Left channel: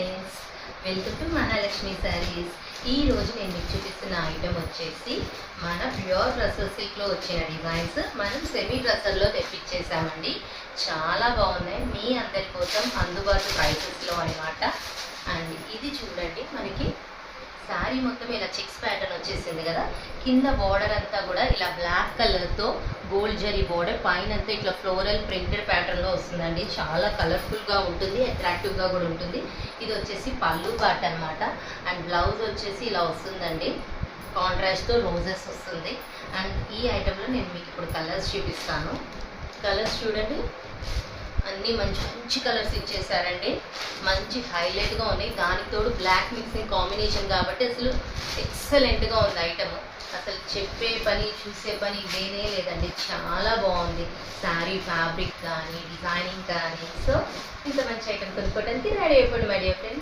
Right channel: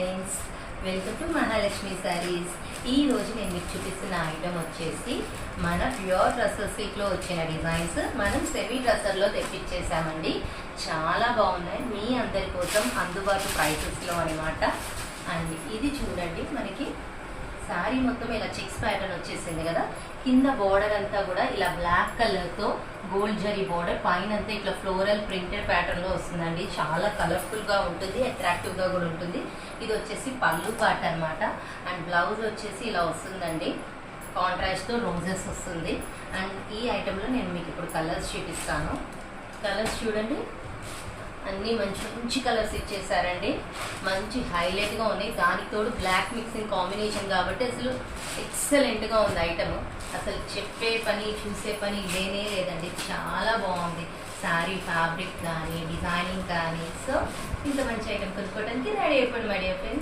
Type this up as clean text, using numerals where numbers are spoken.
Friends, welcome to Mahalakshmi saris. ఈ రోజు నేను మీకు చూపిస్తున్న ఐటమ్ వచ్చేసి మన ప్యూర్ డ్రెస్సెస్ సిల్క్లో వచ్చిన డిజైన్స్ మనం సెమీ డ్రెస్సర్లో తెప్పించేసామండి. చాలా బాగున్నాయి, మీ అందరి కోసం అందుబాటు ప్రైసెస్లో అనమాట. అండ్ ఇది చూడండి, మనకి శారీ మొత్తం ఇలా చెక్స్ ప్యాటర్న్ వచ్చేసింది కదా. కింద బోర్డర్ అంతా కూడా ఇలా బ్లాక్ కలర్తో గోల్డ్ జరీ బోర్డర్, పైన అంతా ఇట్లా ఫ్లోరల్ ప్రింటెడ్ ప్యాటర్న్లో వస్తుందండి. చాలా కలర్ఫుల్గా ఉంటుంది, అట్రాక్టివ్గా కూడా ఉంటుంది. ఇది వచ్చేసి పళ్ళు పార్ట్ అనమాట. అండ్ బ్లౌజ్ వచ్చేసి ఇలా వస్తుందండి, కాంట్రాస్ట్తో రోజెస్ వస్తుంది. అండ్ ఈ ఐటెంలో నేను మీకు ఇప్పుడు కలర్స్ చూపిస్తాను. కలర్స్ చూడండి, అన్నీ మంచి మంచి కలర్స్ ఇచ్చేసారండి, మంచి హైలైట్గా ఉన్నాయి. దానికి తోడు బ్లాక్ మిక్సింగ్ కాంబినేషన్ కాబట్టి అసలు ఎక్సలెంట్గా ఉంది ఐటమ్. అసలు చెప్పే పని చూసే పని లేనే లేదండి, చాలా బాగుంది. శారీ ఫ్యాబ్రిక్ కానీ డిజైనింగ్ కానీ. సో ఇంత మంచి ఐటమ్ కొనుక్కోవడానికి రెడీ అయిపోయింది మై డియర్ ఫ్రెండ్స్.